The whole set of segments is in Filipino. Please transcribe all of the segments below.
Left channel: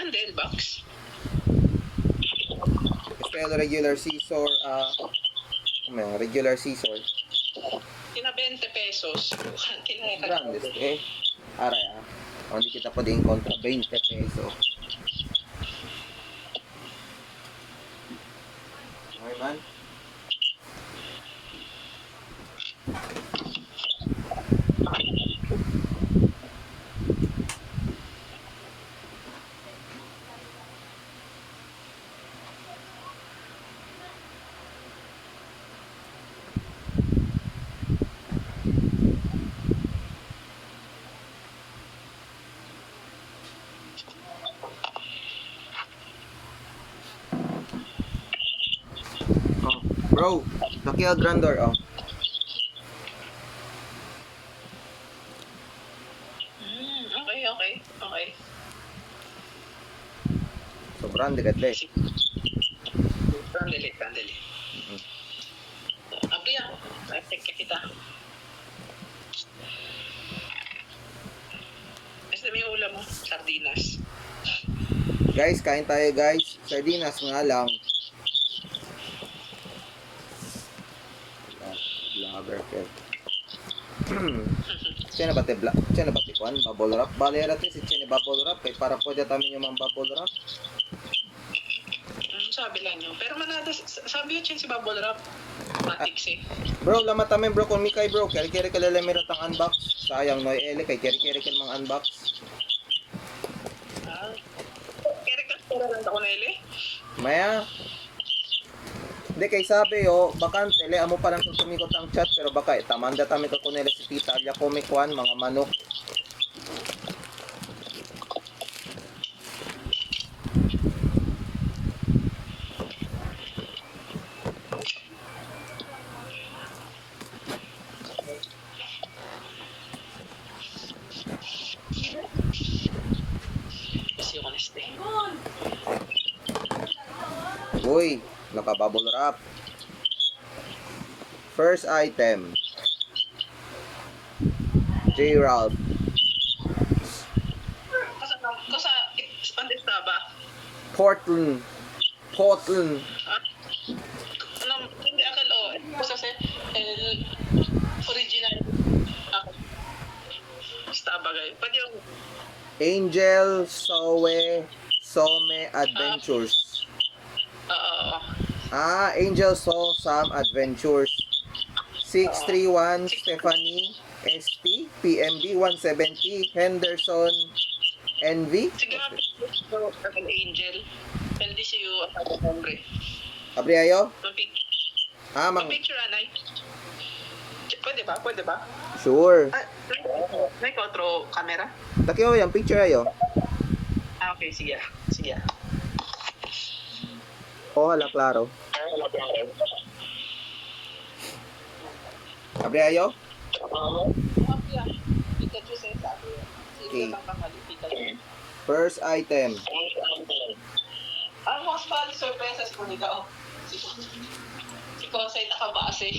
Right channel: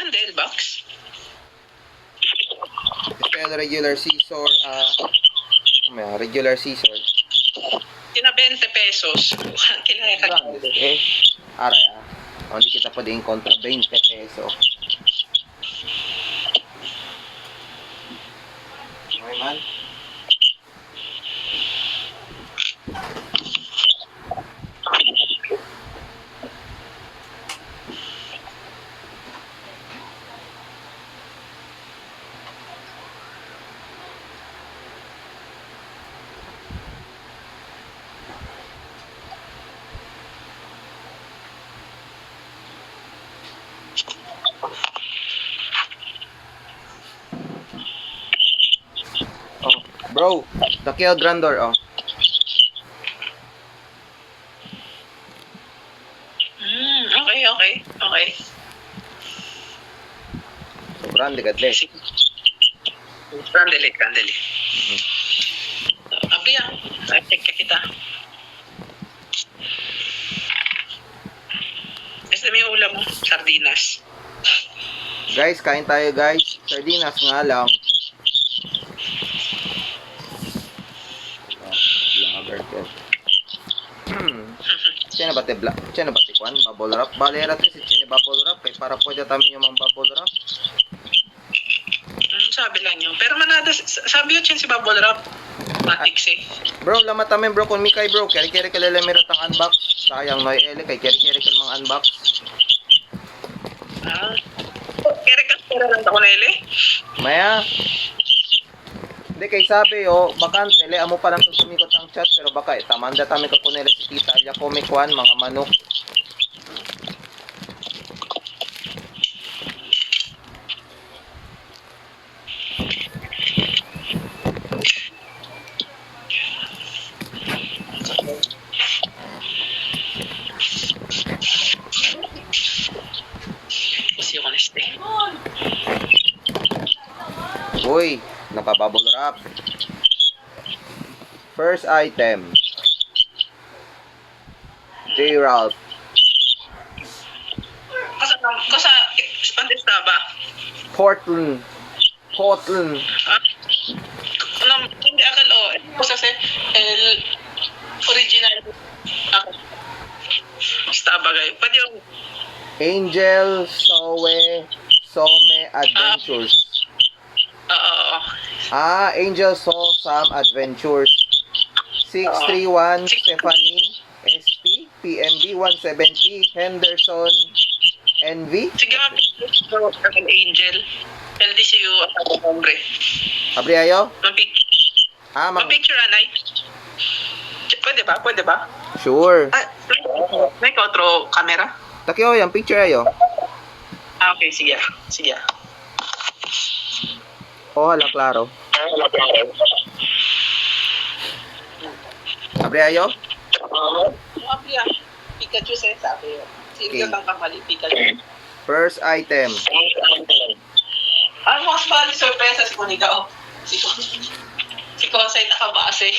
Branded box. Spell regular scissor, regular scissor. Tina 20 pesos. Branded, aray hindi kita pwedeng kontra 20 peso. Okay man. Bro, Tokyo Grandor, Okay. So, grande kadle. Grandeli. Abriya, check ka kita. Basta may ulam mo, sardinas. Guys, kain tayo guys. Sardinas nga lang. Vlogger ko. Sino ba te kwan? Bubble wrap? Balera te si Chene bubble wrap. Para pwede tamin yung mga bubble wrap. Sabi lang nyo. Pero manada, sabi yun si bubble wrap. Matix Bro, lamat tamin bro. Kung mikay bro, keri-keri kalalamirot ang unbox. Sayang no ele kay keri-keri kal mga unbox. Keri lang ako na ele? Maya. Hindi kay sabi bakante le amo pa lang sumikot ang chat pero baka tamanda tami ko kunela si Tita Alia Comic One mga manok. Uy, naka-bubble wrap. First item. J-Ralph. Kasa, onde estaba? Portland. Hindi akal Kasa el original. Estaba kayo. Pwede yung Angel Some Adventures. Angel Some Adventures. 631 Stephanie SP PMB 170 Henderson NV. Sige ang Angel. LDCU ako hombre. Abri ayo? Picture anay. Pwede ba? Sure. May otro camera? Takyo yung picture ayo. Okay, sige. Hala klaro. Abri ayo? Abri Pikachu sabi. Sige lang kamali Pikachu. First item. Ang mas bali sorpresa si Kunika Si Konsay nakabase.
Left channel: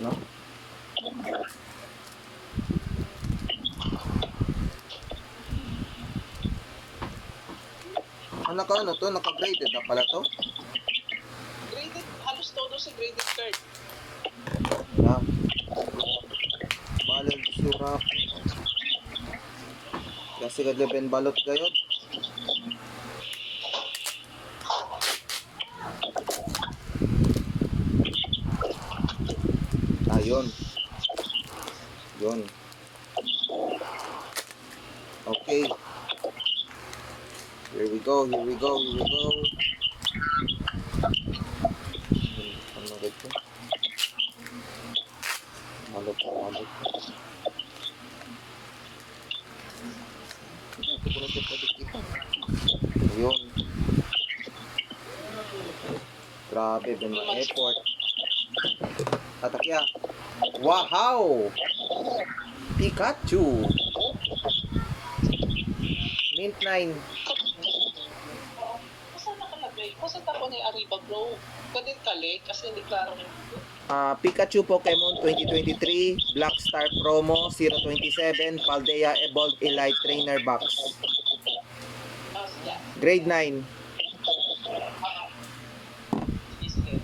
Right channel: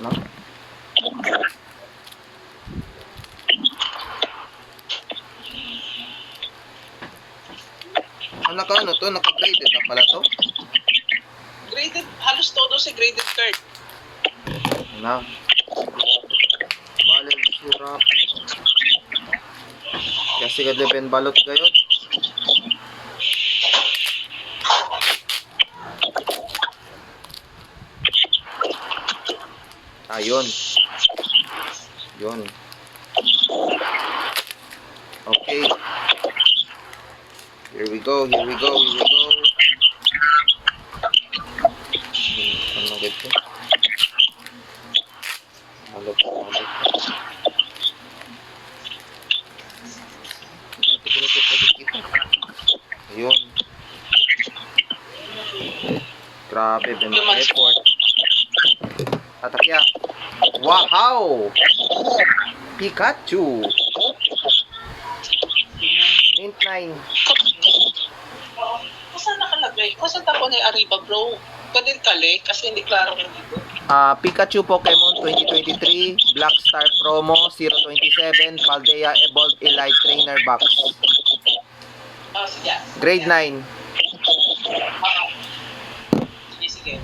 No? Naka-graded na pala to? Graded, halos todo si graded card. Na. Balal surap. Kasi kadleben balot gayod. Yun. Okay. Here we go. Ano gito? Balot. Ayun. Grabe, Ben Airport. Tatakya. Wow! Pikachu. Mint 9. Kung saan nakalagay? Kung saan tapo na yung Arriba, bro? Pwede kali kasi hindi klaro yung dito. Pikachu Pokemon 2023, Black Star Promo 027, Paldea Evolved Elite Trainer Box. Oh, sige. Grade 9. Sige, sige.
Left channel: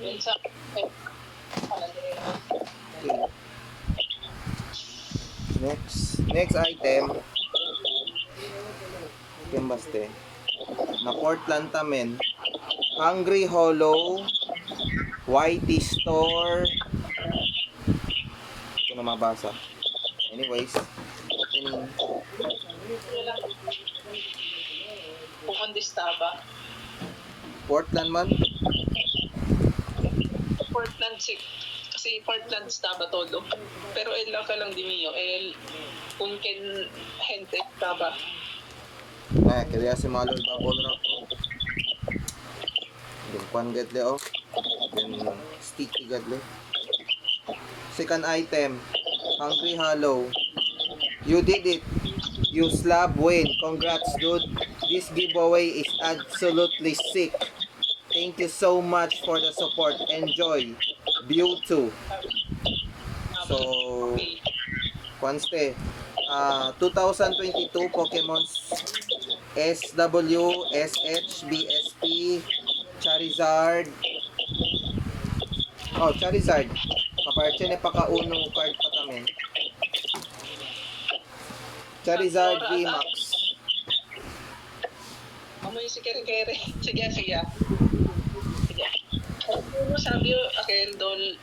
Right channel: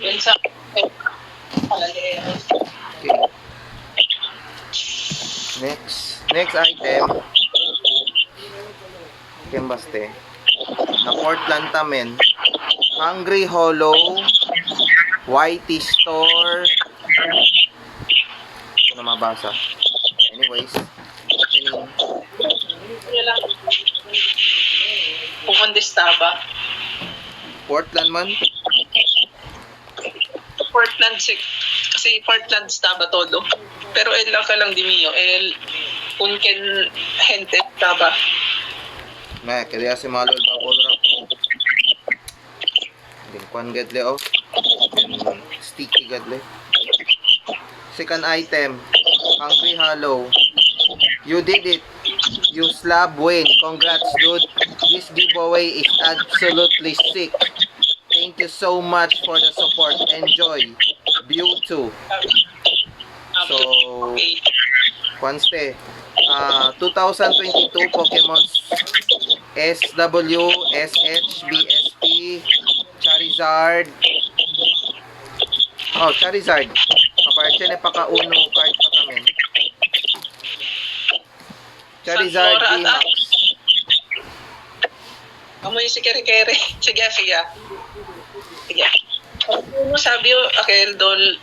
Yun sa... Palali. Okay. Next item. Kembaste. Na Portland Tamen. Hungry Hollow. Whitey Store. Ito na mabasa. Anyways. Ini. Yun lang. Pumundista ba? Portland man. Portland kasi Portland estaba todo. Pero el lang ka lang di mio, el unken gente estaba. Kaya si Malol Babol Rock. Then kwan gadle oh. Then sticky gadle. Second item. Hungry Hollow. You did it. You slab win. Congrats dude. This giveaway is absolutely sick. Thank you so much for the support. Enjoy. View 2. So, Okay. Kwanste. 2022 Pokemon SW, SH, BSP, Charizard. Oh, Charizard. Kaparche na paka-uno card pa kami. Charizard VMAX. Amoy si kere-kere. Sige, sige. Sige. Ano sabi yo, Akel Dol,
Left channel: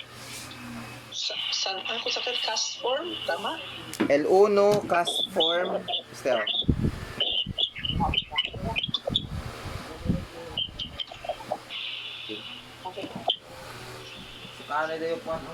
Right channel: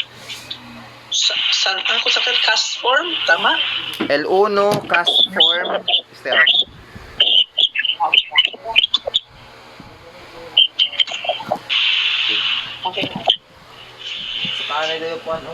ako sa cast form, tama? L1 cast form. Still. Okay. Sa kanan na po ano?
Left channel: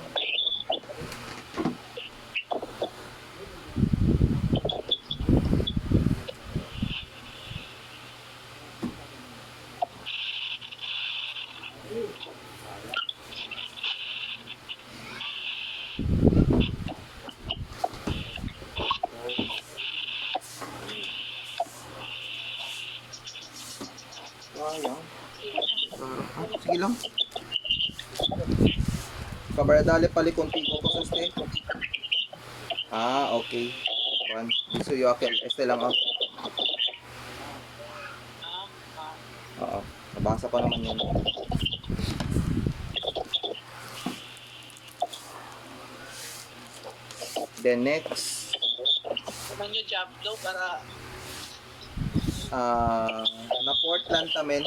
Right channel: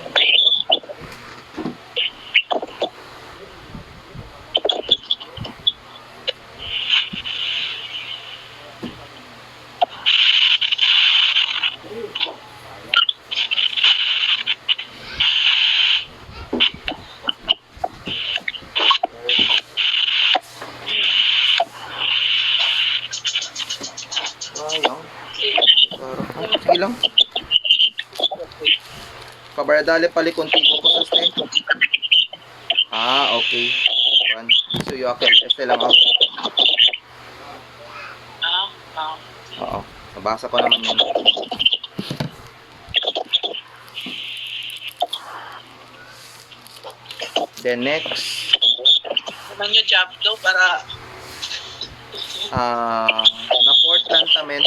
Sayang. Sige lang. Kabaradale pali kontigo ko sa ste. Okay. One. So you okay. Este lang ako. Oo. Nabasa ko naman yun. Then next. Naman yung job daw para na Portland Tamen.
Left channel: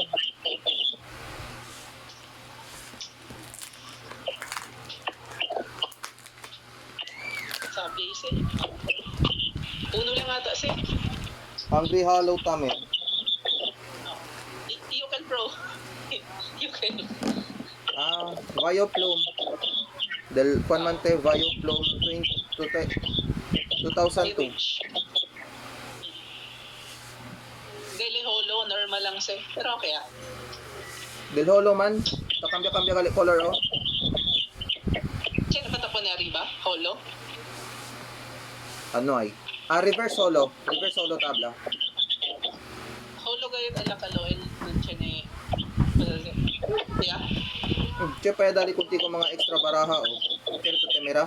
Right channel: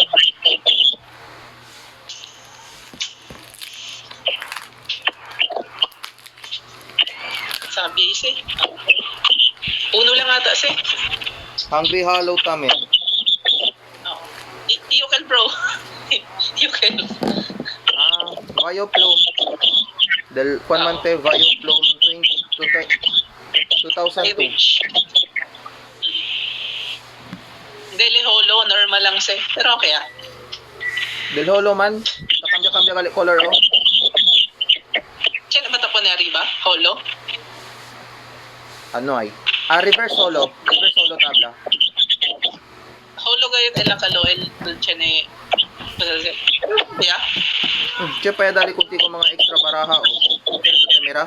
sabi si. Uno lang ata si. Hungry Hollow Tamen. Oh. Yukal bro. Yukal. Vioplume. Del Juanmante Vioplume 2002. Deli holo, normal lang si. Pero okay ah. Del Holo man. Kakambya-kambya kali color oh. Siya na ba tapo na riba? Holo? Ano ay? Reverse Holo. Reverse Holo tabla. Holo kayo kailang kaloel. Siya ni... Yeah. Siya pa dali kunti ko mga extra baraha oh. Pero sa camera.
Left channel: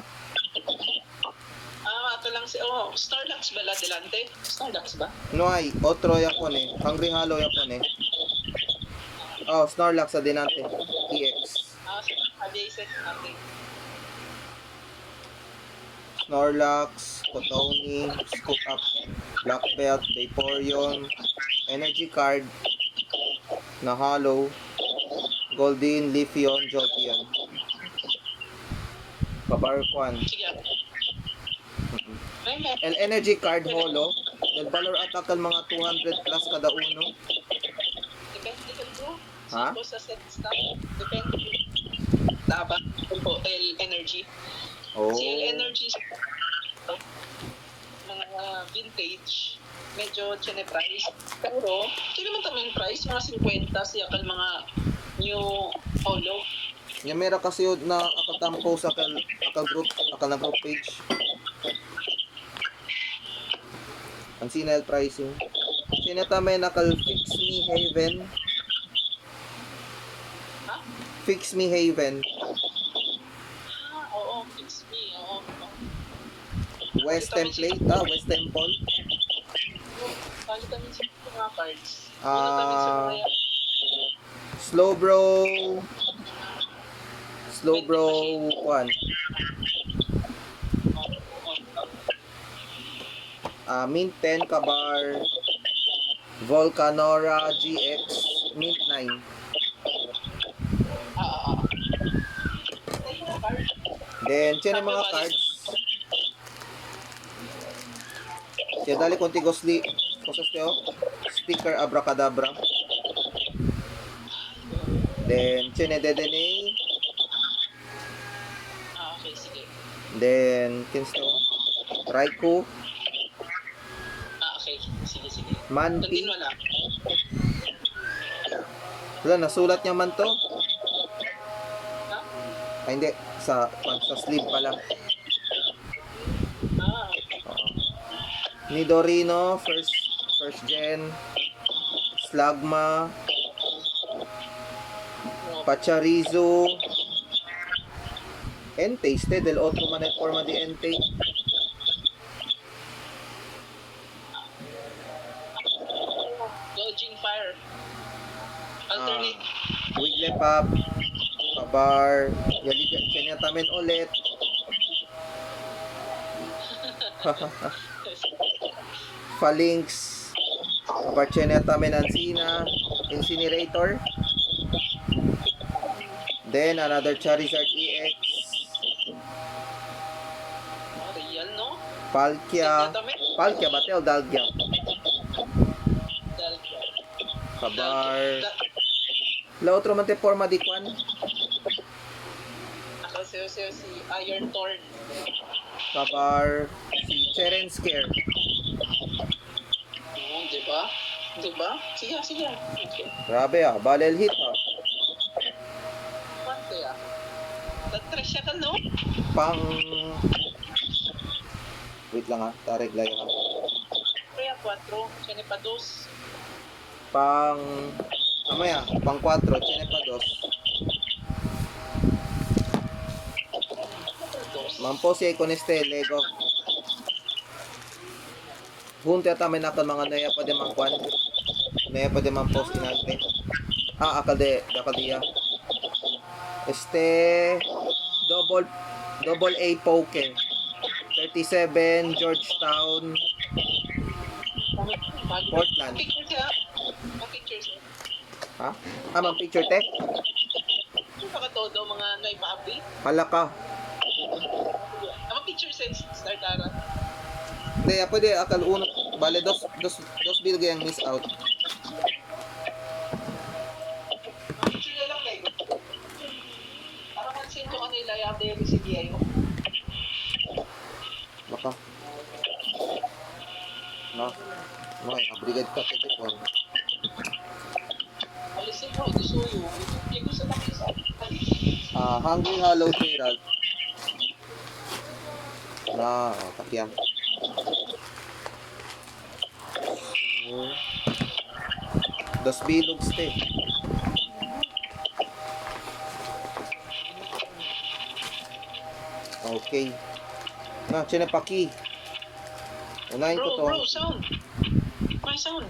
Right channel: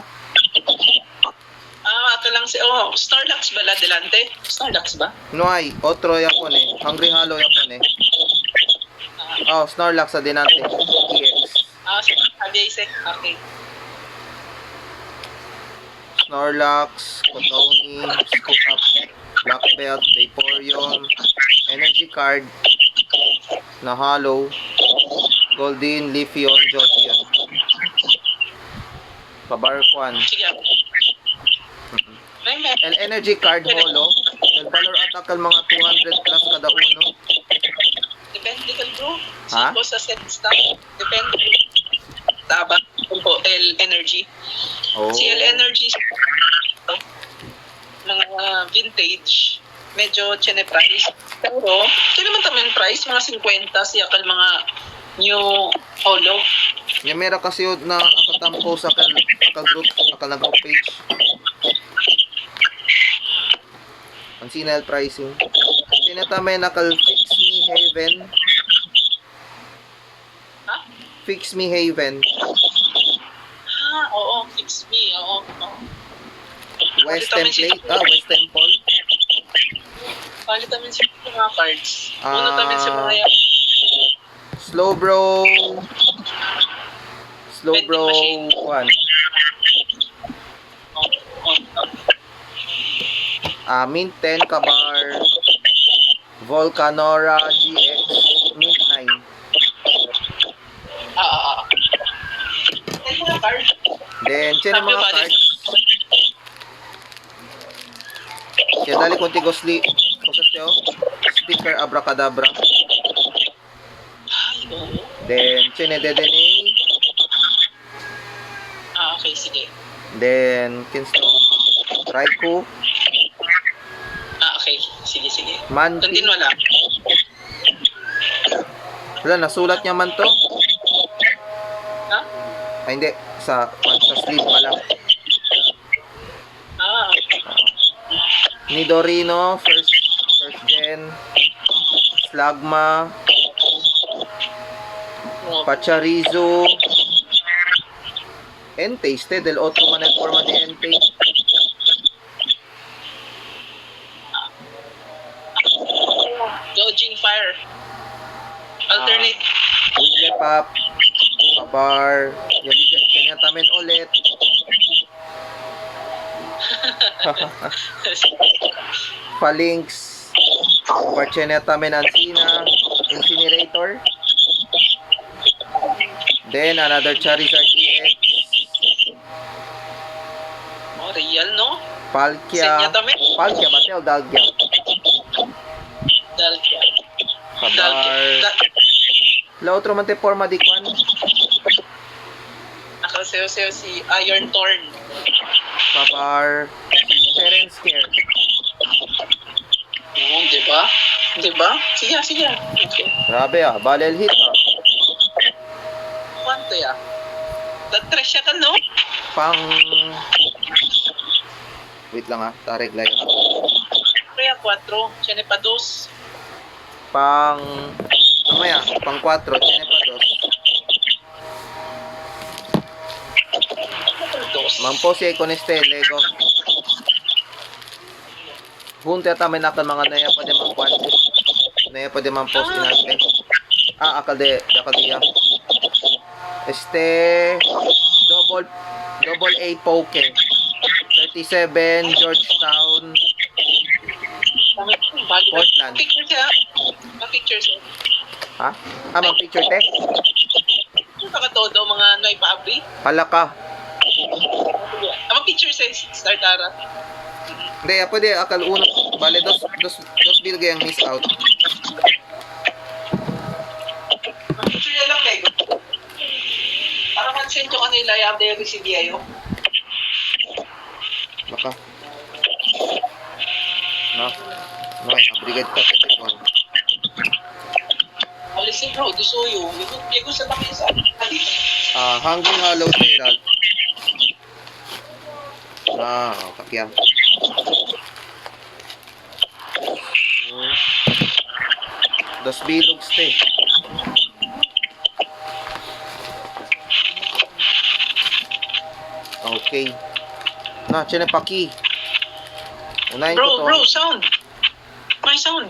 Ito lang si... Starlux ba la delante? Starlux ba? No ay, otro yapon eh. Hungry Hollow yapon eh. Snorlax sa dinante. EX. Sabi si. Okay. Snorlax, Kotoni, Scoop Up, Black Belt, Vaporeon, Energy Card, na Hollow, Golden, Leafeon, Jolteon. Babarquan. Sige. May El Energy Card Holo. El Valor Attack al mga 200 plus kada uno. Depende ka bro. Ha? Siko sa set stock. Depende. Taba. Po L Energy. Oh. Si L Energy mga vintage medyo chene price. Pero kaya naman tamang price mga 50 siya kal mga new holo. Yung mera kasi yun na akatampo sa aka-group page. Ang sinal pricing. Sinatame nakal Fix Me Haven. Ha? Fix Me Haven. Oo, fix me. Oo. West Template. West Temple. Palit namin sa mga cards. Una namin sa mga yan. Slow Bro. Slow Vending Bro machine. 1. Mint 10 Kabar. Volcanora GX. Mint 9. Ay, mga cards. Then, siya mga cards. Siya dali konti gosli. Kusas Sticker Abracadabra. Oo. Then, siya Dedene. Okay, sige. Then, kinsto. Raikou. Okay. Sige. Manti. Continue lang. Wala, nasulat niya man to. Ha? Ay, hindi. Sa sleeve pala. Nidorino, first gen. Slagma. Pacharizo. Entei, del otro man el forma de Entei. Dodging fire. Alternate. Wigglypuff. Kabar. Kanya tamin ulit. Phalanx. Barcheneta Menancina. Incinerator. Then another Charizard EX. Real, no? Palkia. Senya tamin. Palkia Batel Dalgia. Dalgia. Kabar. La otro man te forma di kwan. Nakasayo-sayo si Iron Thorn. Kabar. Seren Scare. Oo, diba? Sige. Okay. Grabe balel hit Kwanto ya? That-trash siya ka, no? Pang wait lang tarik lang Kaya 4. Siya pa 2. pang pang 4 tiene pa 2 mampo si con este Lego junte tamen akan mga naya pa de mangkwan naya pa de mampo sinante akal dia double A poke 37 Georgetown Portland. Picture siya. Ma-picture siya. Mang picture te? Nakatodo mga Noy Pabri. Halaka. Ma-picture siya. Startara. Hindi, pwede akal uno. Bale, dos bilgay ang miss out. Ma-picture niya lang kayo. Para man-send yung kanila yung update yung CBI ayo. Baka. No, brigade ka this one. Alisin bro, disuyo. Ito sa takin sa Hungry Hollow Herald. Takya. Dos bilogs te. Okay. Chene paki. Unahin ko to. Bro, sound. May sound.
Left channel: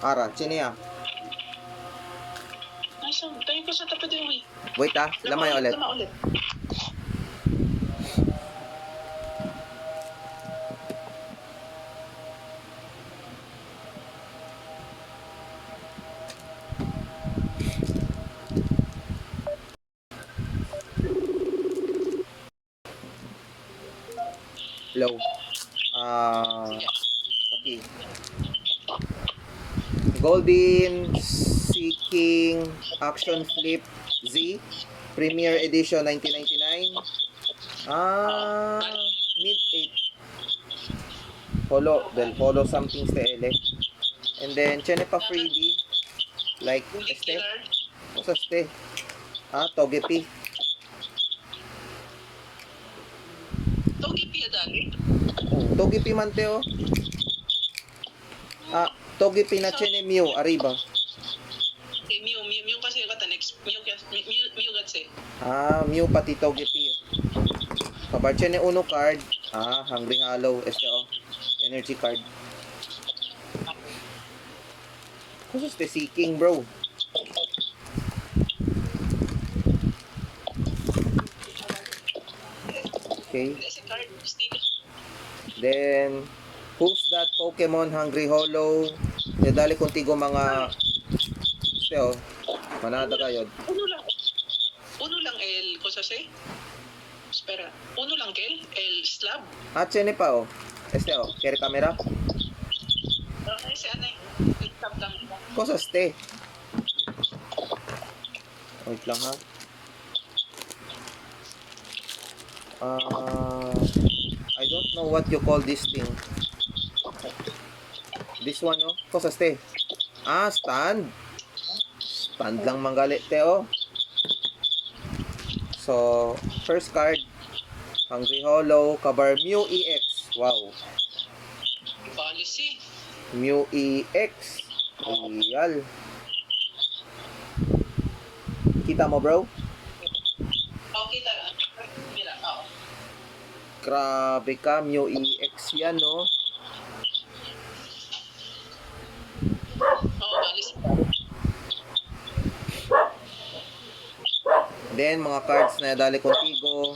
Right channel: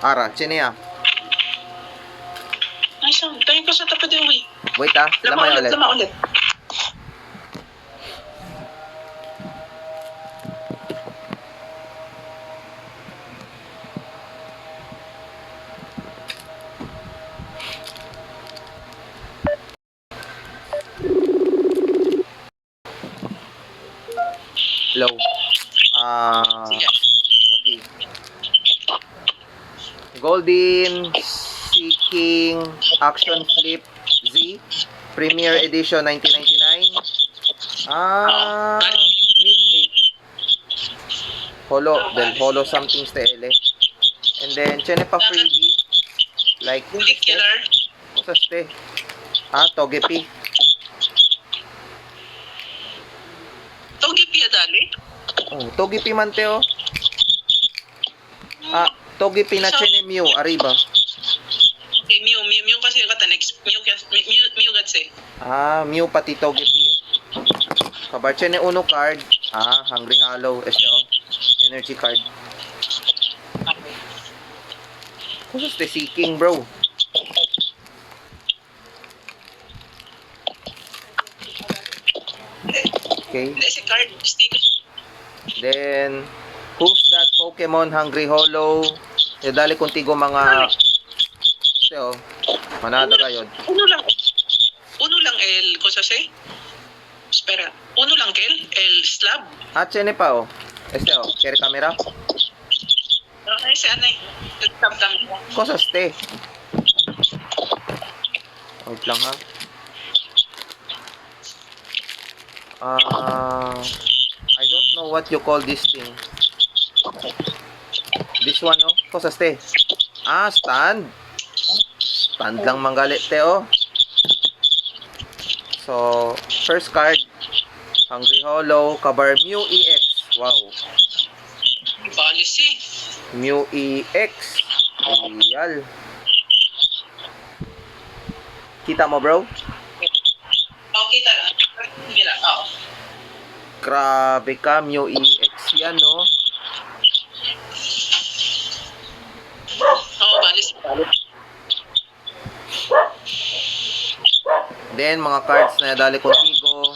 Ara, chene May sound. Tayo ko sa tapat yung way. Wait lamay ulit. Lama ulit. Low. Sige. Okay. Golden Seeking Action Flip Z Premier Edition 1999. Mid 8. Holo something stele. And then chene pa freebie like Bullet killer. What's este? Togepi. Togepi dali. Oh. Togepi Manteo. Ah, Togepi na chene Mew, arriba. Okay, Mew kasi yung kata next. Mew gatse. Ah, Mew pati Togepi. Kabar chene uno card. Ah, Hungry Hollow. Este oh. Energy card. Kusas te seeking, bro. Okay. Hindi, si card. Sticker. Then, who's that Pokemon Hungry Hollow? Dali contigo mga este oh. Manada kayo. Uno lang el, cosa se? Espera. Uno lang kel? El slab? Ah, chene pa oh. Este oh, carry camera. Ay, si ano eh. Slab lang. Kusas te. Wait lang ha. I don't know what you call this thing. This one, oh. Kusas te. Ah, stand. Stand lang manggalit te, oh. So, first card. Hungry Hollow. Kabar Mew EX. Wow. Policy. Mew EX. Real. Kita mo, bro? Oh, kita lang. Mira, oo. Grabe ka, Mew EX yan, no? Oo, policy. Then, mga cards na dali contigo.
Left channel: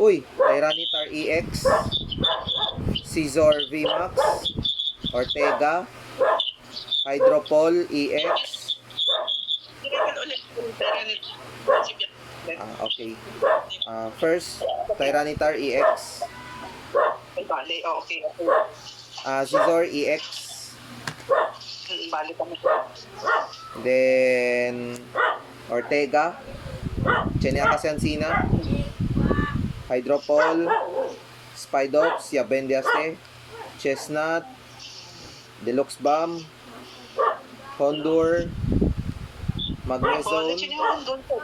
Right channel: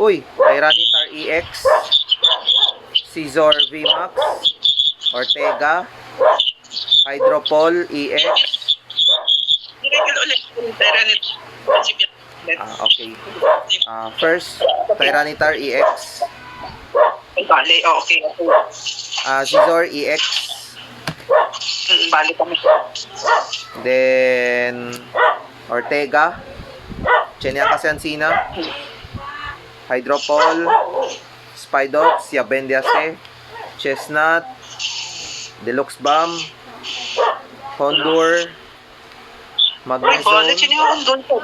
Uy, Tyranitar EX, Scizor VMAX, Ortega, Hydropol EX. Direkal ulit. Tyranitar. Okay. First, Tyranitar EX, Bali, okay. Scizor EX, Bali kami. then Ortega, Chenia Casansina, Hydropol, Spidops, Yabendiase, Chestnut, Deluxe Bomb, Hondur, Magnezone. yung doon po.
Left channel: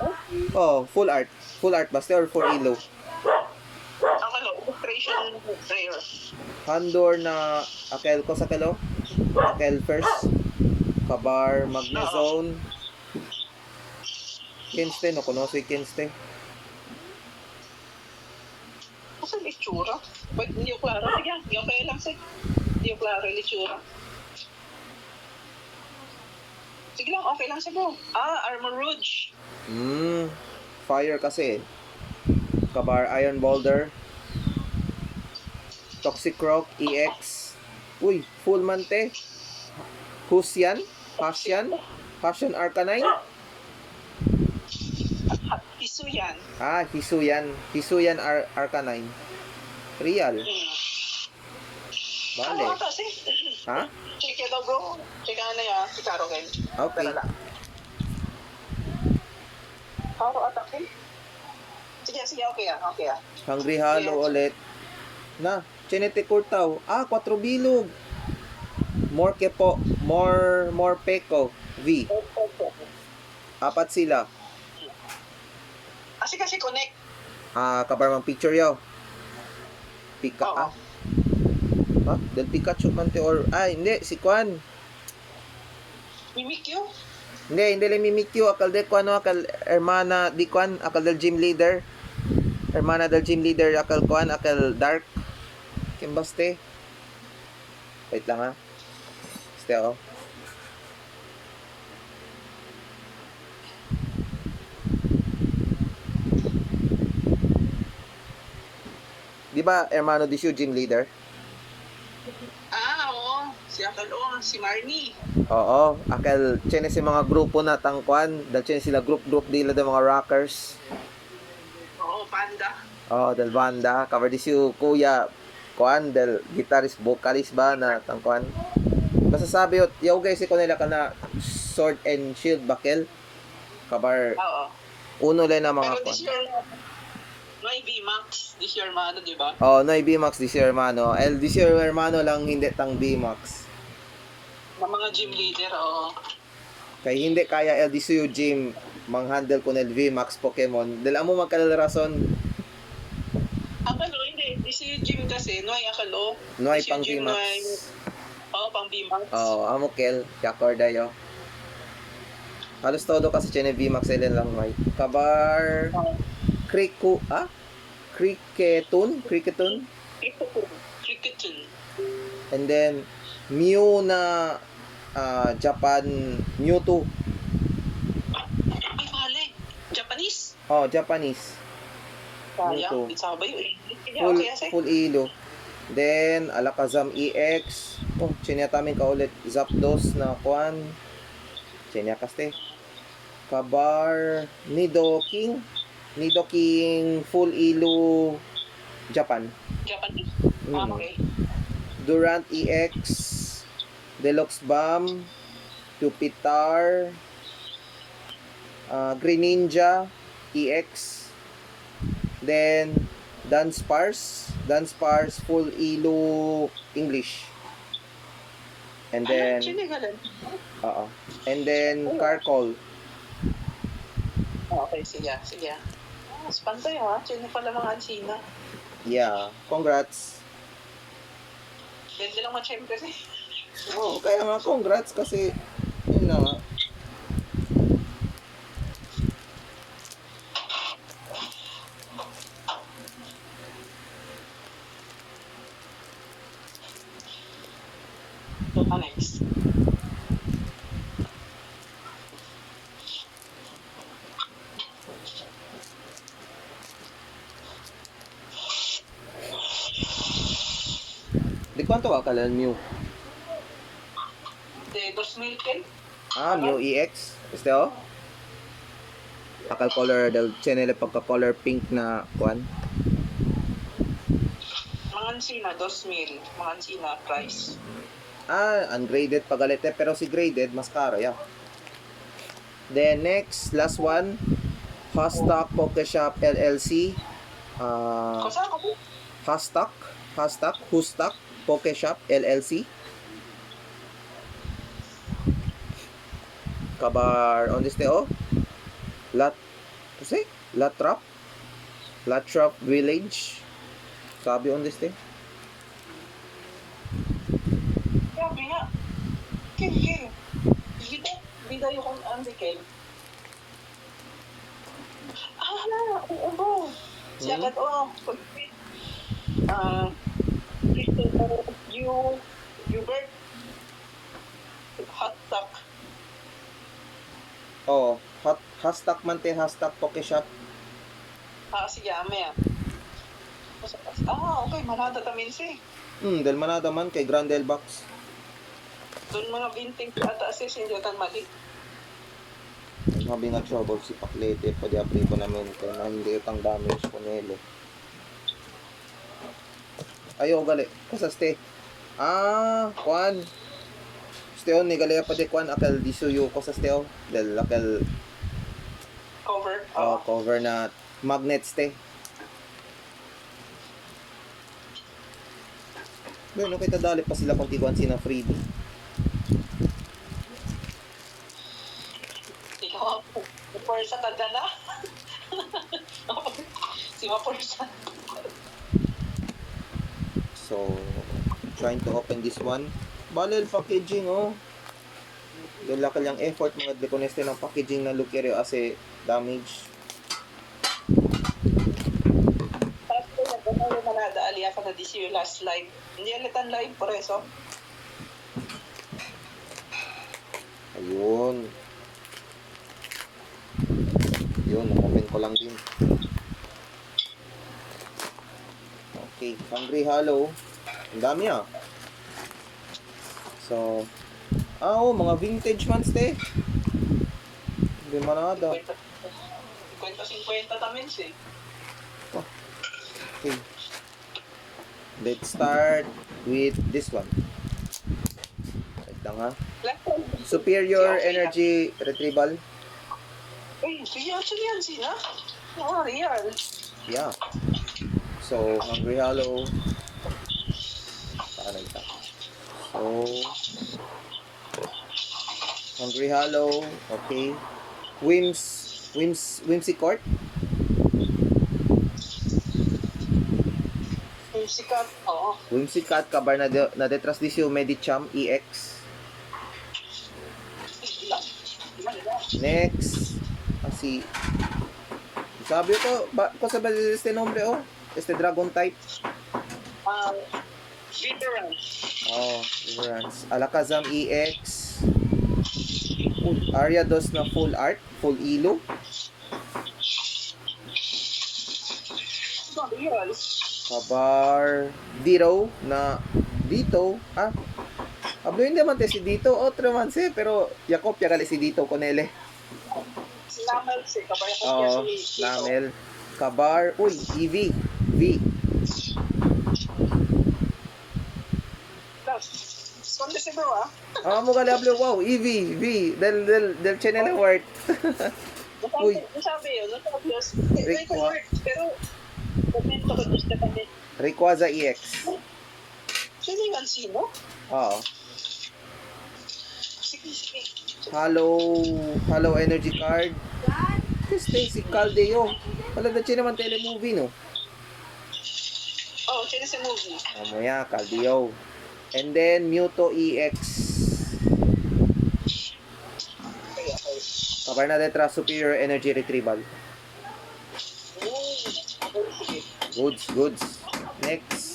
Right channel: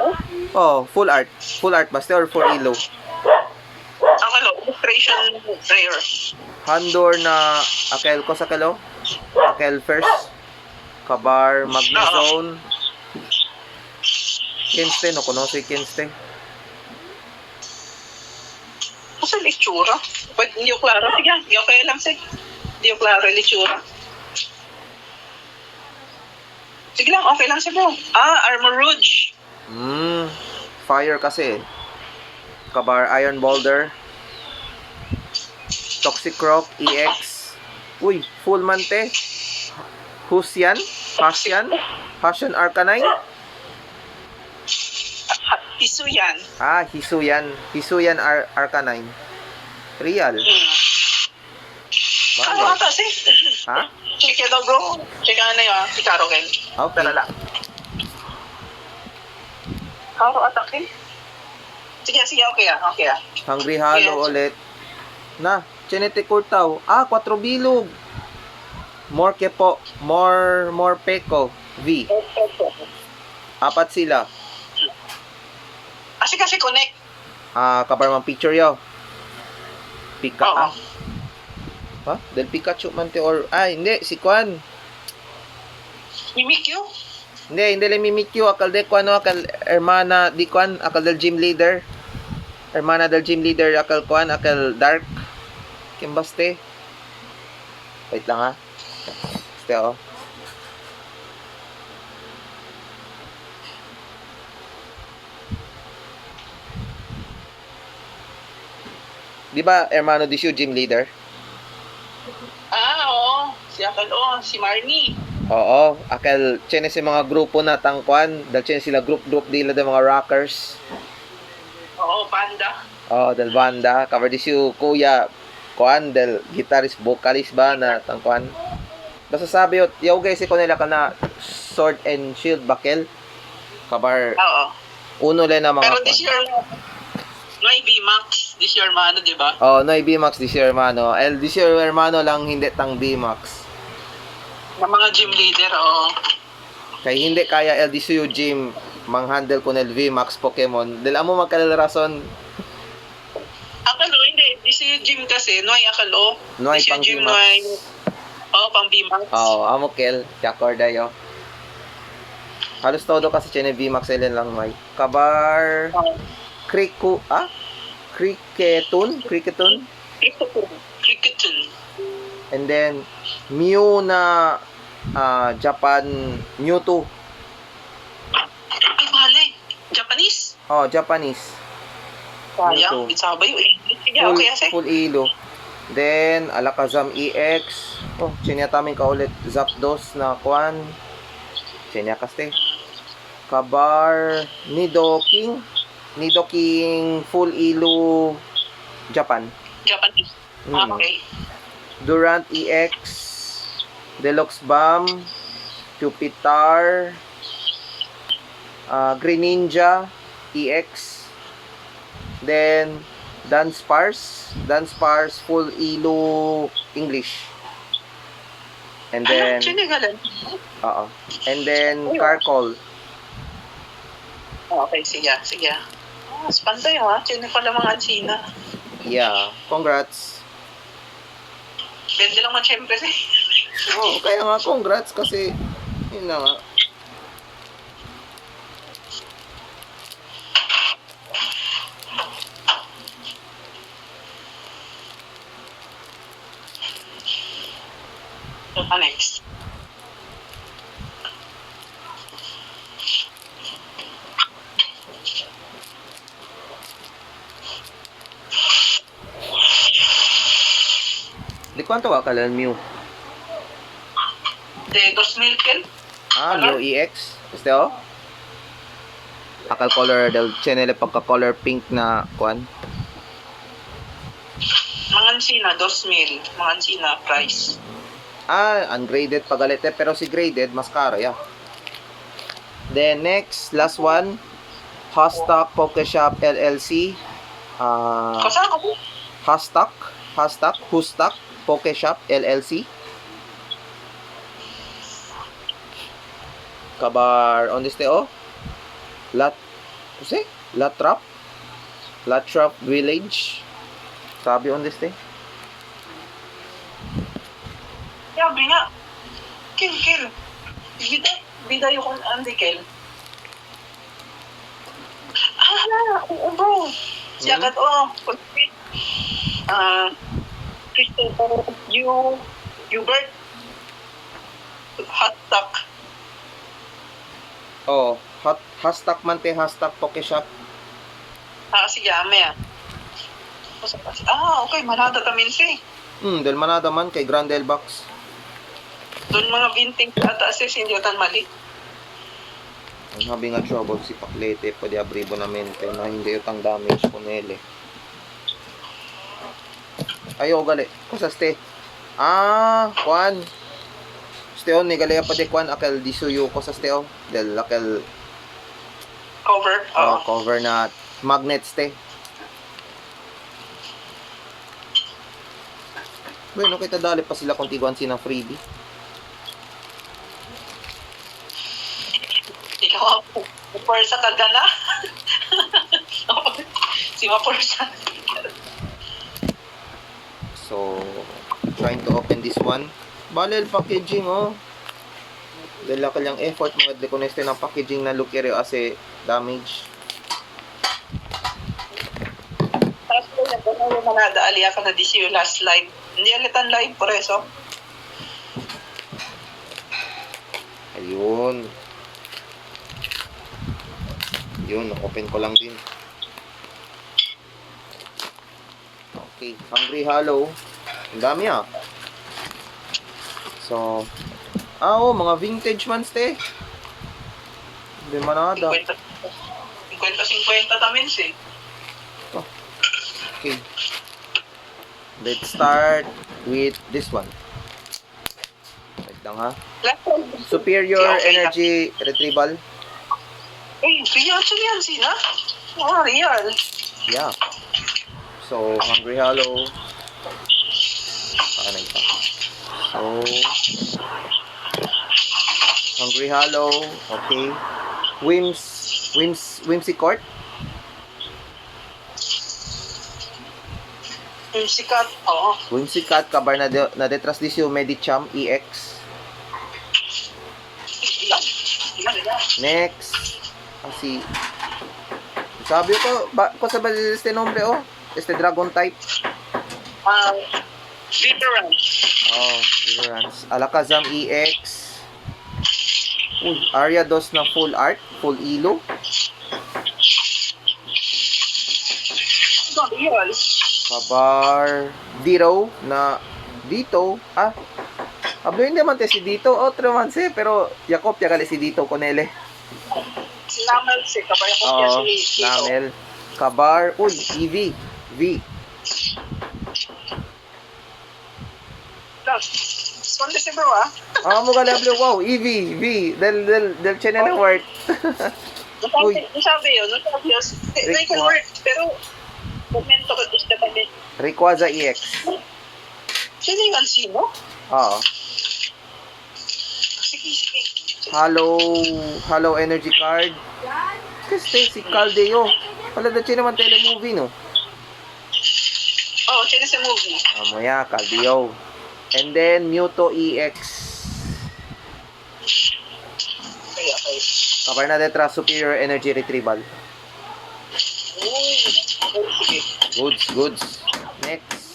Oh, full art. Full art ba? Or for elo? Ang illustration rare. Hondur na Akel ko sa kalo. Akel first. Kabar, Magnezone. Kinste, no? Kuno si Kinste. Kasi litsura. Ba't hindi ko klaro? Sige, hindi okay lang sige. Hindi ko klaro litsura. Sige lang, okay lang sige. Armor Rouge. Fire kasi. Kabar, Iron Boulder. Toxic Rock EX. Uy, full mante. Husyan? Hasyan? Hasyan Arcanine? Piso yan. Hisuyan. Hisuyan Arcanine. Real. Ano Bale. ata sige? Ha? Check it out bro. Check ano yun, si Caro Ken. Okay. Tara lang. Caro ata Ken? Sige, okay okay Hungry Hollow Yes. ulit. Na, Chinete Kurtaw. 4 bilog. More kepo. More peko. V. Apat sila. Kasi connect. Kabar mang picture yaw. Pika. Oo. Ha? Del Pikachu man te or... hindi. Si Kwan. Mimikyu? Hindi lang Mimikyu. Akal de Kwan, akal hermana di Kwan. Akal del gym leader. Hermana del gym leader. Akal Kwan. Akal Dark. Kimbaste. Wait lang ha. Este oh. Di ba hermano di siya gym leader? Oo. Si Marnie. Oo, akal chene si mga grupo na tangkuan, dal chene sila group dila de mga rockers. Oo, Panda. Oo, del banda, cover di siya kuya kuan del guitarist vocalist ba na tangkuan. Basta sabi yun, yaw guys ko nila kana Sword and Shield Bakel. Cover Oo. uno lang na mga Pero kuan. this year, may B-Max. This year, mano, di ba? Oh, no B-Max this year hermano. This year hermano lang hindi tang B-Max. Ng mga gym leader, oo. Kay hindi kaya LDCU gym mang-handle ko ng VMAX Pokemon. Dahil amo magkalarason. Ang hindi. Isi gym kasi, Noy Akalo. Noy Isi pang gym, Bimax. Noy. Oo, pang Bimax. Oo, amokel, Jakor dayo. Halos todo kasi chene Bimax ilan lang may. Kabar Cricketun, Cricketon. and then Mew na Japan Mewtwo. Ay, mali. Japanese. Oh, Japanese. Sayang, Mewtwo. bisa ba yun? Sige, Full, okay kasi. full ilo. Then, Alakazam EX. Oh, chinyatamin ka ulit. Zapdos na kwan. Chinyakas Kabar Nidoking. Nidoking full ilo Japan. Japanese? Mm. Okay. Durant EX. Deluxe Bomb. Pupitar. Greninja EX. Then, Dunsparce full ilo English. And then, Sinigalan. And then, Carcol. Okay, sige. Spantay ha. Sino pala mga ansina? Yeah. Congrats. Bende lang man syempre eh. Oh, kaya nga congrats kasi yun na nga. Next. Di kwanto ka kalan Mew? De 2000 ken? Mew EX. Este o? Akal color del channel pagka-color pink na kwan. Mga ansina, 2,000. Mga ansina, price. Ungraded pagalite pero si graded mas karo ya. Then next, last one. Hashtag Pokeshop LLC. Kasama ko? Hashtag Pokeshop LLC. Kabar on this day Latrap Village. Sabi on this day. Sabi nga. Kill. Bida yung Andy Kel. Oo bro. Siya kat Christopher Hubert. Hashtag. Hashtag man te, hashtag Pokeshop. Sige, ame okay. Manada tamin si. Del manada man kay Grandel Box. Doon mga binting ata si Sindiyotan mali. Sabi nga trouble si Paklete, pwede abribo namin kaya na hindi utang damage po nele. Ayo gali. Kusa ste? Kwan. Steo ni gali pa de kwan akal disuyo ko sa steo. Del akal Cover. cover na magnet ste. Bueno, kita dali pa sila kung tiguan sina freebie. Ikaw ako. Pursa ka gana. Si Mapursa. So, trying to open this one. Balel packaging Dahil laki lang effort mga dekoneste ng packaging na lukiri kasi damage. Tapos ko yung manada aliya ka na di siyo last live. Hindi alitan live por eso. Ayun. Yun, open ko lang din. Okay, Hungry Hollow. Ang dami So, mga vintage man ste. Hindi manada. 50-50 tamin si. Okay. Let's start with this one. Wait lang ha. Superior Energy Retrieval. Real siya yan sina? Real. Yeah. So, Hungry Hollow. Saka na ito. So, Hungry Hollow. Okay. Whimsy Court. Yung sikat, oo. Whimsicat, kabar na detrasdisyo Medicham EX. Next. Si sabi ko sa ba este nombre este dragon type. Different. Oh, Ignorance. Alakazam EX. Ariados na full art, full ilo. Real. Kabar Dito na Dito. Hablo hindi man si Dito. Otro man pero Jacob gali si Dito Conele. Si Lamel, si Kabaya ko Oo, si Lamel. Kabar, EV. V. Sonde si bro, ah. Mo galablo, wow, EV, V. Del channel award. Uy. Nasabi yun. They can work, pero momento ko gusto kami. Rayquaza EX. Sino yung Alcino? Oo. Sige. Hello energy card. Kasi si Caldeo. Wala na naman telemovie, no? Oh, sino sa movie? Amoya, Caldeo. And then, Mewtwo EX. Okay. Kabar na detra, superior energy retrieval. Sige. Goods. Next.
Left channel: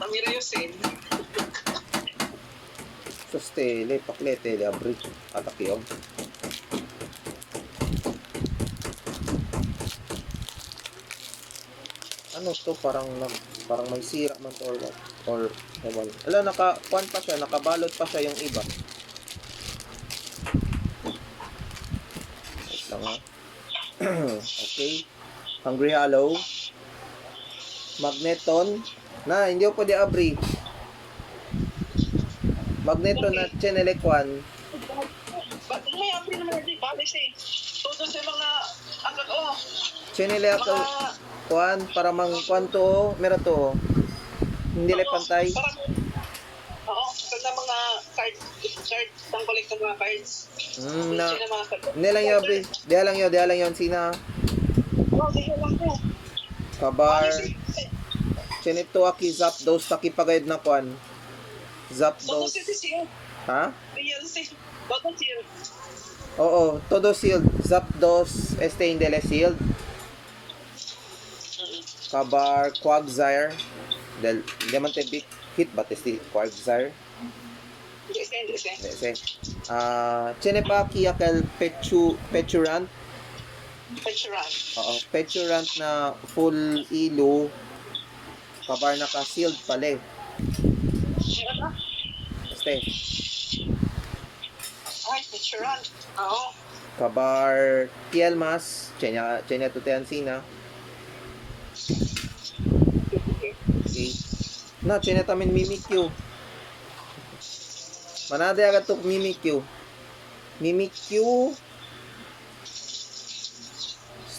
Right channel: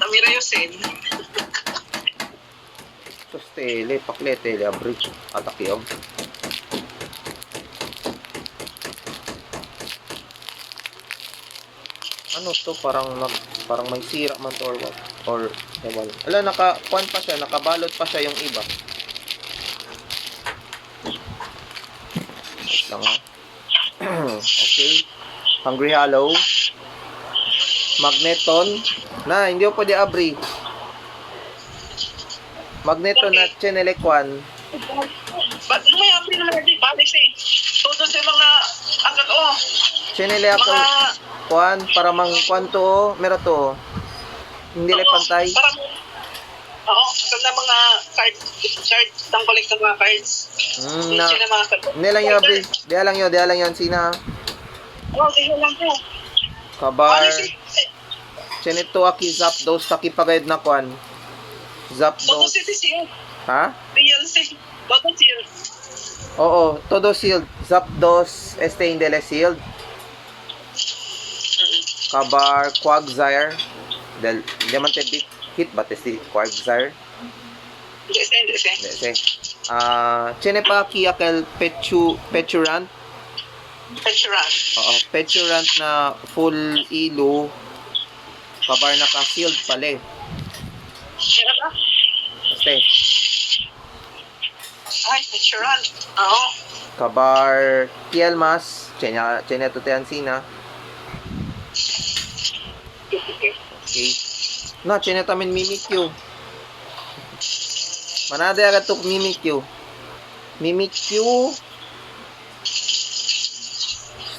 Tamira Yosen. Sustele, paklete, abri. Atakiyog. Ano to? Parang may sira man to or what? Or, ewan. Naka-kuan pa siya, nakabalot pa siya yung iba. Wait lang ha. Okay. Hungry Hollow. Magneton. Hindi ko pwede abri. Magneton at Chenelekwan. Ba't may apri naman natin? Balis eh. Todo sa mga agad, Chenelekwan. Kwan, para mang kwan to, meron to. Hindi lang pantay. Oo, na mga card ng collector mga cards. Hindi lang yun, abri. Di lang yun, sina. Di lang po. Kabar. Chenito aki Zapdos taki pagayad na kwan. Todo Zapdos. City Shield. Ha? Real City. Todo Shield. Oo, todo shield. Zapdos, Indele shield. Kabar Quagsire. Hindi man te hit ba si Quagsire? Hindi. Hindi. Chenepaki akel Peturant. Oo, Peturant na full ilo. Kabar naka-shield pala eh. Sino ba? Este. Ay, Peturan. Oo. Kabar Tielmas. Chenya to Teansina. Okay. Chenya tamin Mimikyu. Manade agad to Mimikyu.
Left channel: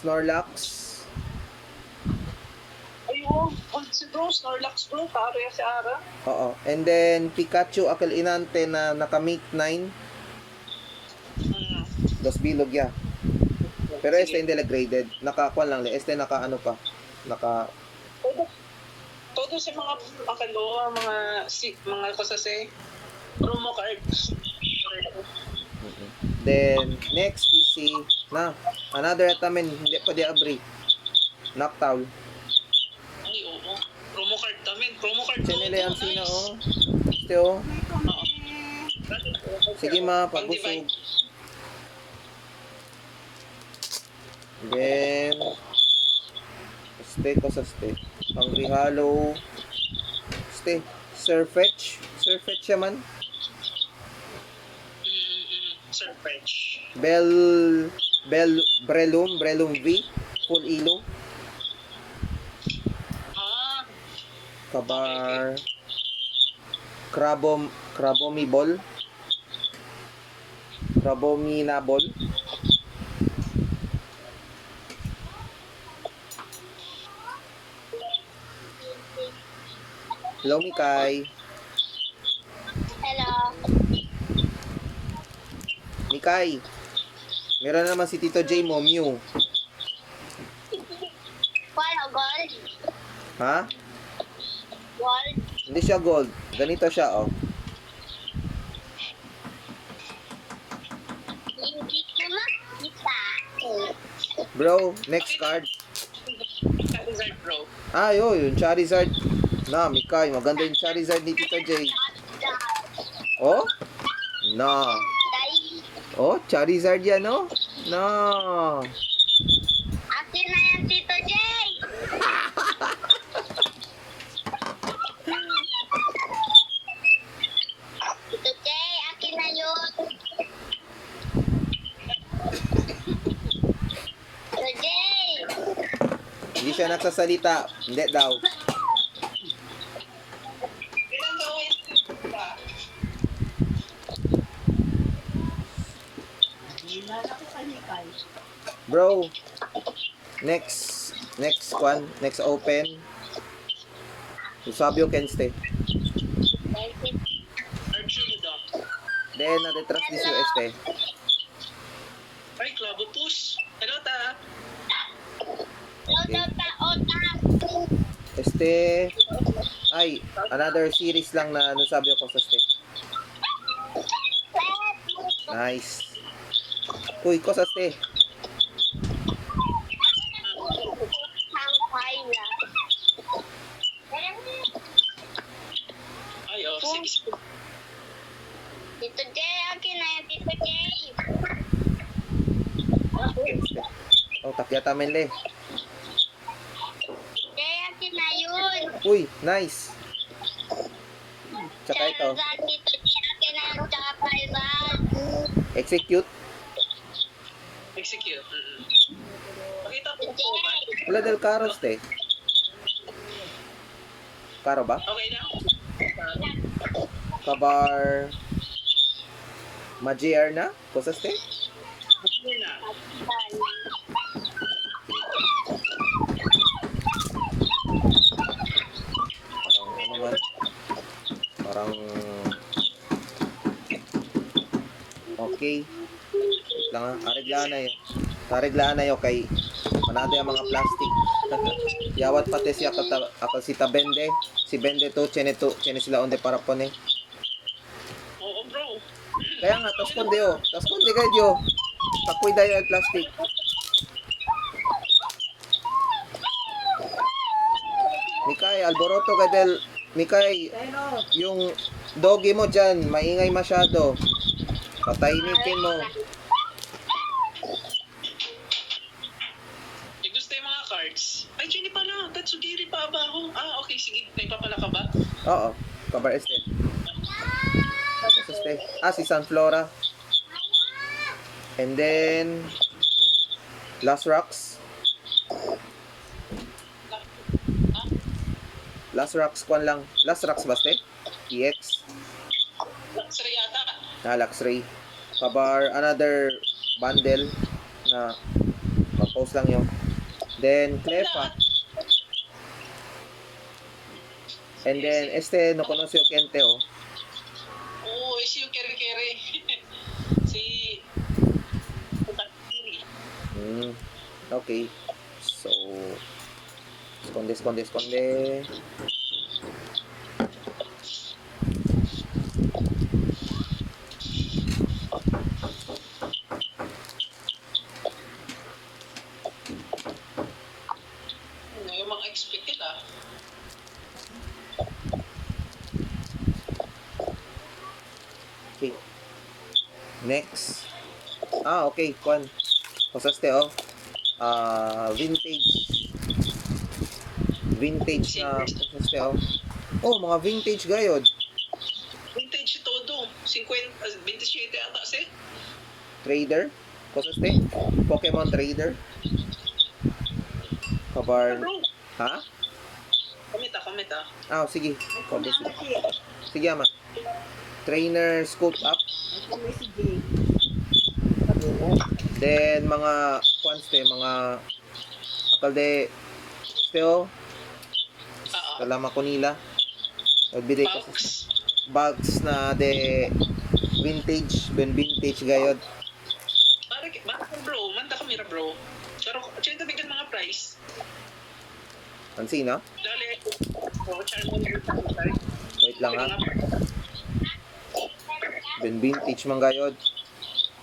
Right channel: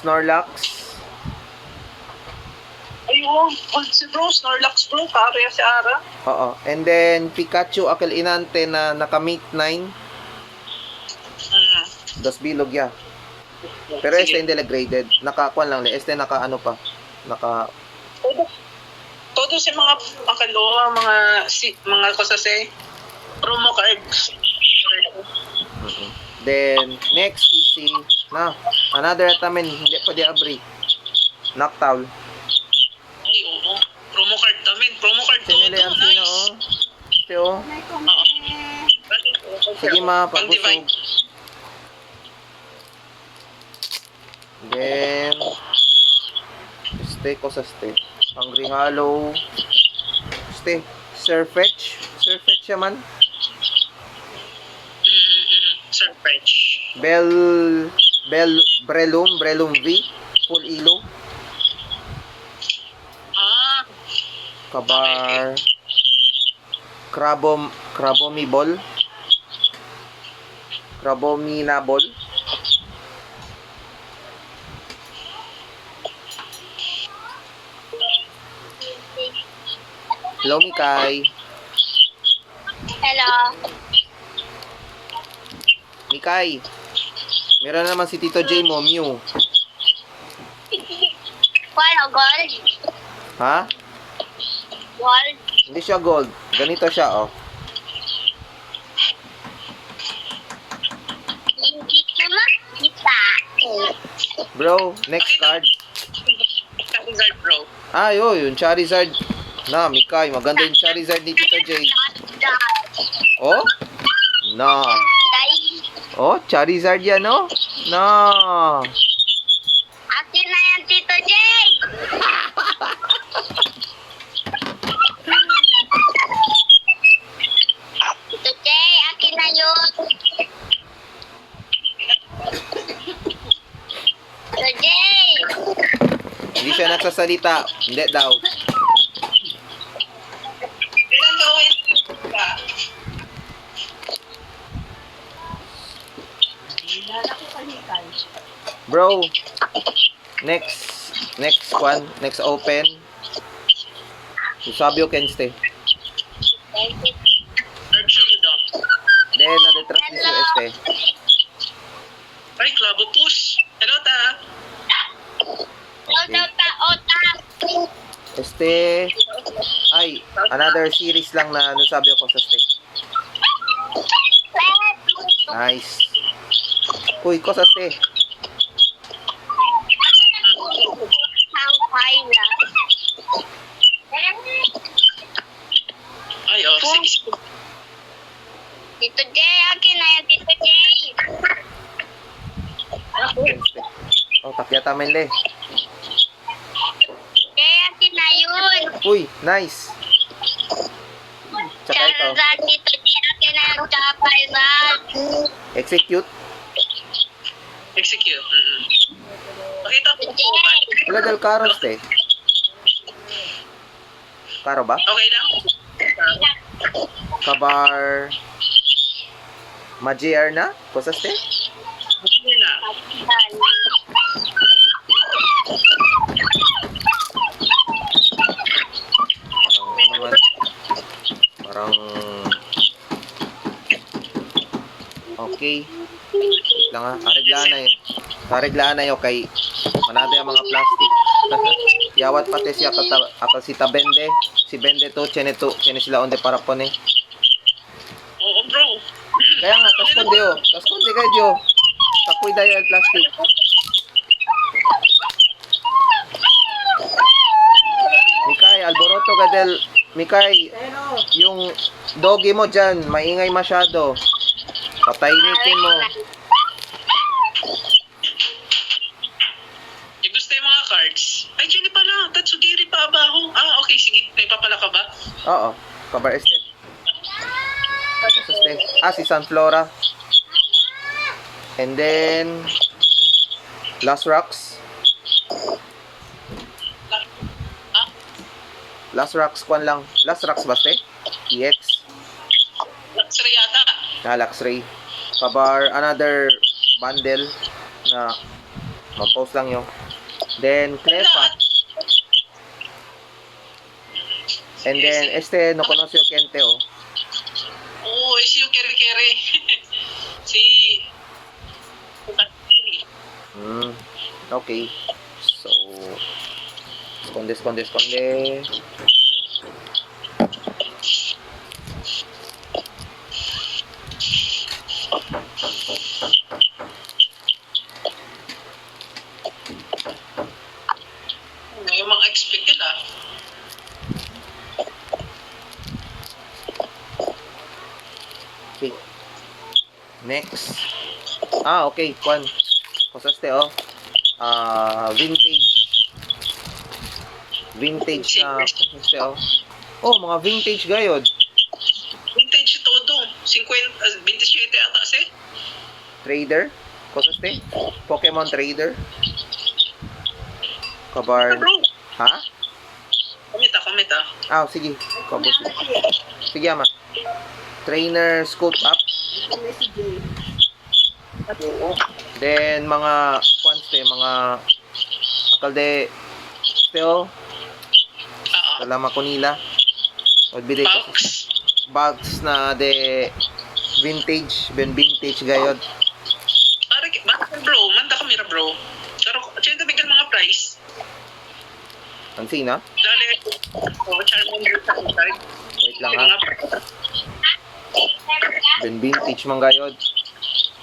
Snorlax. Ayun. Si bro, Snorlax bro. Kaya si Ara. Oo. And then Pikachu akal inante na naka-mate 9. Dos bilog ya. Pero este hindi graded. Naka-kwan lang. Este naka ano pa. Todo si mga akalo, mga kosase. Promo cards. Then next is si another atamen hindi pa di abri. Noctowl. Ay, oo. Promo card namin. Promo card Chenele ang sina Este Sige pabusog. Then Hungry Hollow. Surfetch siya man. Surfetch. Brelum V full ilo. Kabar Crabominable. Hello, Mikay. Hello. Mikay. Meron naman si Tito J mo, Mew. Wala gold. Ha? Gold. Hindi siya gold. Ganito siya, oh. Hindi ko makita. Bro, next card. Charizard, bro. Ah, yung Charizard. Na, Mikay. Maganda yung Charizard ni Tito J. Oh? Na. Oh, Charizard yan, oh. Na. Akin na yan, Tito J. Tito J, akin na yun. Tito J. Hindi siya nagsasalita. Hindi daw. Ilan gawin? Bro, next one, next open. Usabio can stay. Archulidon. Then, na-detras this UST. Ay, Clavo Push. Hello, ta. Ota. Este, ay, another series lang na Usabio ko sa stay. Nice. Uy, ko sa stay. Ay, oh, sige, sige. Tito J, akin na yan, Tito J. Oh, takyata men le. J, akin na yun. Uy, nice. Tsaka ito, Charizard, Tito J, akin na yung Charizard. execute. Execute. Pakita ko po ba? Wala del caro ste. Caro ba? Okay na? Kabar Magier na? Kusas te? Okay na. Parang okay. Wait lang ha. Areglaan na yun kay manado yung mga plastic. Yawat pati siya akal si Tabende. Si Bende to, chene sila onde para po ni. Oo, bro. Kaya nga, tas konde yo. Tas konde kayo yo. Tapoy dahil yung plastic. Mikay, alboroto ka del. Mikay, yung doggy mo dyan, maingay masyado. Patahimikin mo. Yung gusto yung mga cards. Ay, Jenny pala. Tatsugiri pa abaho. Ah, okay. Sige. May papala ka ba? Oo, kabar este. Este. Ah, si Sunflora. And then, Last Rocks. Ah, Last Rocks, kwan lang. Last Rocks ba, ste? EX. Luxury yata. Luxray. Kabar, another bundle na compose lang yung. Then, Clefa. And then, este, no conoce o Kente, oh. Oo, si yung kere-kere. Si... Okay. So, esconde. Yung mga expected ah. Okay. Next. Ah, okay. Kwan. Kusaste, oh. Vintage na kusaste, oh. Oh, mga vintage gayod. Vintage todo. 27 ata si. Trader. Kusaste. Pokemon Trader. Kabar. Bro. Ha? Comment ah. Ah, sige. Kabos. Sige, ama. Trainer scope up. Then mga kwanste, mga akalde still Oo. kalama ko nila. Odbide ko Box. bags na de vintage gayod. Bakit bro. Pero, sino bigyan mga price? Ang sina? Dali, Charmander sa card. Wait lang ha. Ben vintage man gayod.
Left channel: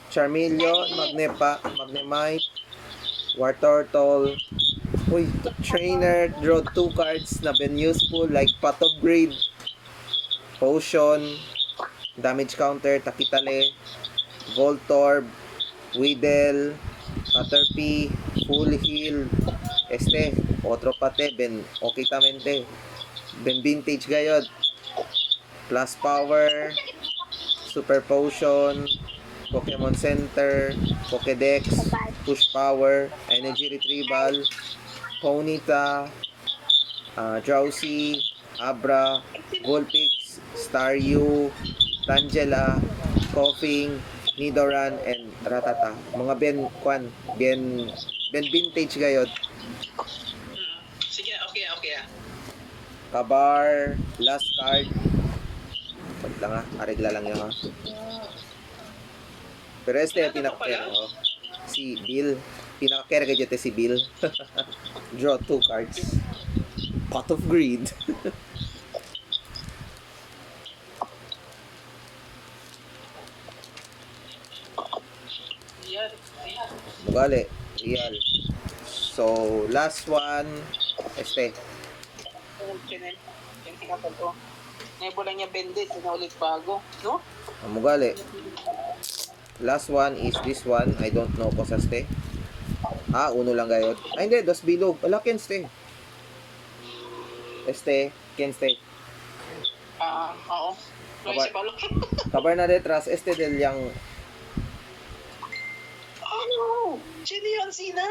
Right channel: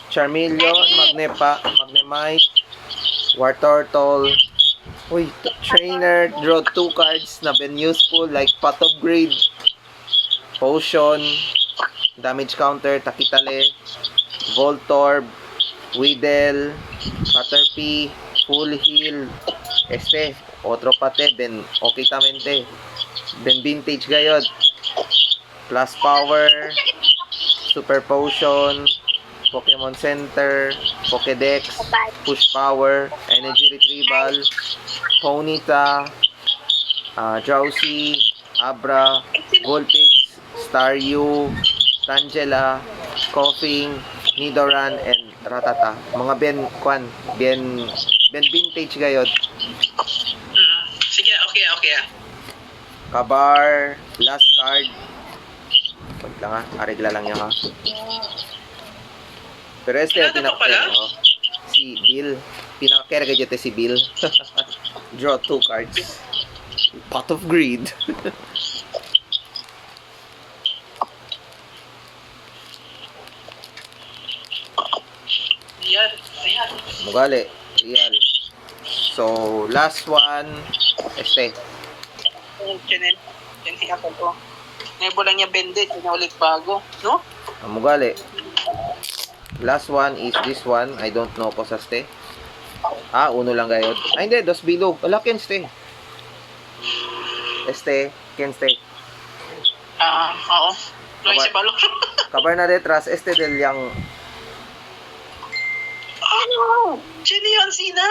Charmeleon, Magnemite, War Turtle. Uy, trainer, draw 2 cards na been useful like Pot of Greed, Potion, Damage Counter, Takitale, Voltorb, Weedle, Caterpie, Full Heal, otro pate, ben okay tamente. Ben vintage gayod. Plus Power, Super Potion, Pokemon Center, Pokédex, Push Power, Energy Retrieval, Ponyta, Drowsy, Abra, Vulpix, Staryu, Tangela, Koffing, Nidoran, and Ratata. Mga Ben vintage gayod. Sige, okay. Kabar, last card. Wait lang ha, arigla lang yan ha. Pero este Ano to pala? si Bill. Pinaka-care ka dyan si Bill. Draw 2 cards. Pot of Greed. Ayan. Mugali. Real. So, last one. Este. Chinen ako to. Nebula niya bendit, yun na ulit bago. No? Ang mugali. Last one is this one. I don't know po sa ste. Uno lang gayod. Hindi. Dos bilog. Wala ken ste. Este. Ken ste. Oo. Luis si Balong. Kabar na detras. Este del yang. Sino yun, Sina?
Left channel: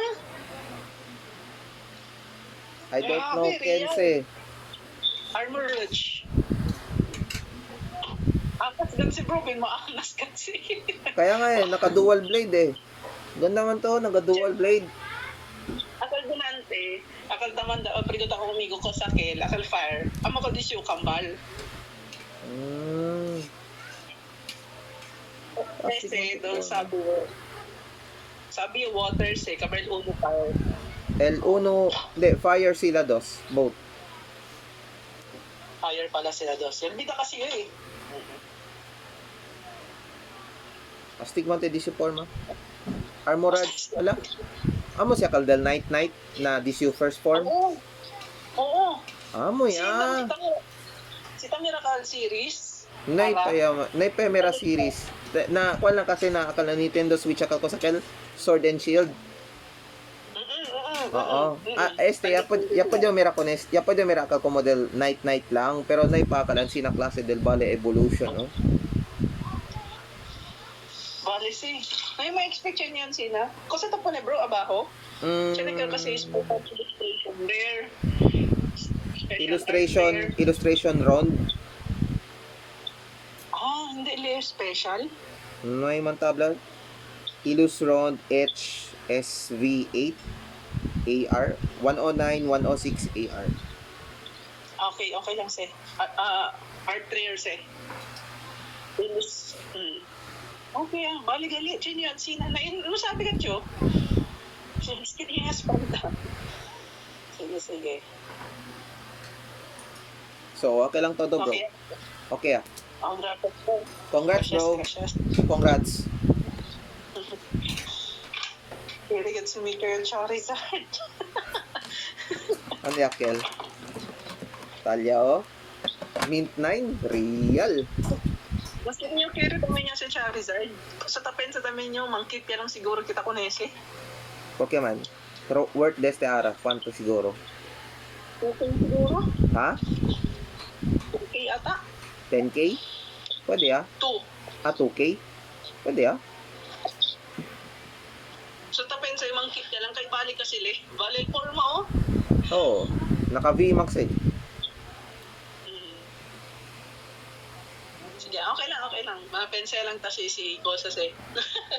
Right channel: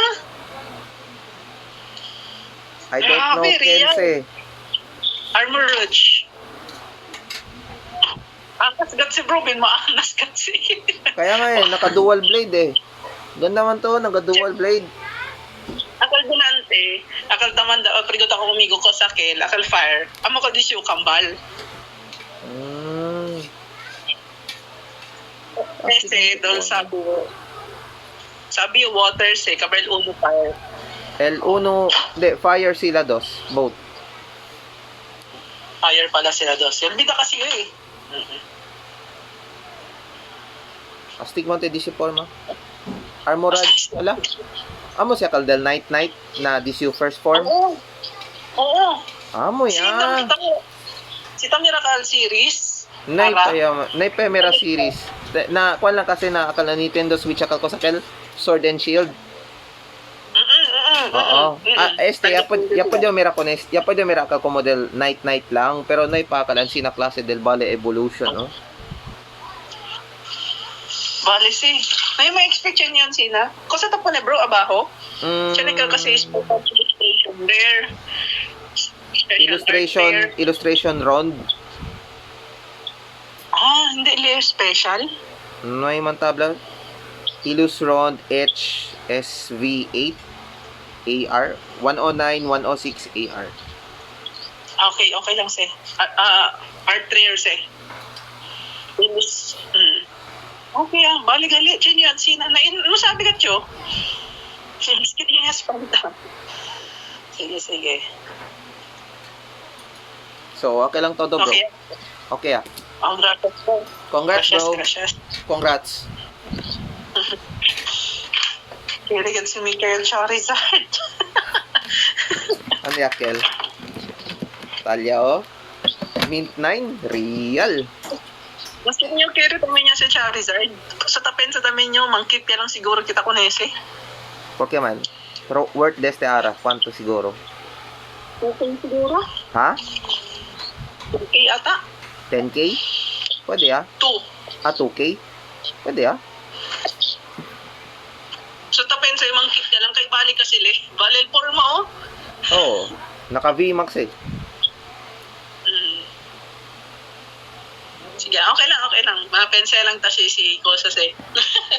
I don't know Grabe, ken real. ste. Armor Rouge. Angas gan si Bro, maangas kasi. Kaya nga naka-dual blade eh. Ganda man to, naka-dual blade. Akal dunante, akal taman da, prigot ako umigo ko sa kel, akal fire. Amo ko disyo kambal. Kasi doon sabi yung waters kabel uno fire. L1, hindi, fire sila dos, both. Fire pala sila dos. Bida kasi yun eh. Astigmate di si forma. Armorage, ala. Amo siya kaldal Night na DCU first form. Oo. Amo ya. Si Miracle series. Night Pemera series. Na kuan lang kasi na akala Nintendo Switch akal ko sa kel Sword and Shield. Oo. Yapod yung mira ko nes. Yapod yung mira ka ko model Night lang. Pero naipakalan sina klase del Vale Evolution, no? Bale si. May expect yun Sina. Kasi tapo na bro, abaho. Siya kasi is illustration rare. Illustration round. Hindi rare special. No ay man tabla. Illus round HSV8 AR 109 106 AR. Okay lang si. Art rare si. Illus. Okay bali gali. Chin yan Sina. Ano sabi ka Cho? Skinnyas pa ito. Sige. So, okay lang todo, bro. Okay. Congrats, bro. Gracias. Congrats. Kirigan si Mikael Charizard. Ano yakel? Talya, oh. Mint 9. Real. Mas niyo kiri tamin niya si Charizard. Sa tamin niyo, mangkip ya lang siguro kita kunese. Pokemon. Pero worth deste ara. Kwanto siguro? Okay siguro? Ha? Okay ata. 10K? Pwede 2. 2K? Pwede So tapen sa mangkip ya lang kay balik ka sila. Balil forma Oo. Naka VMAX eh. Sige, okay lang. Mapensa lang ta si Kosas eh.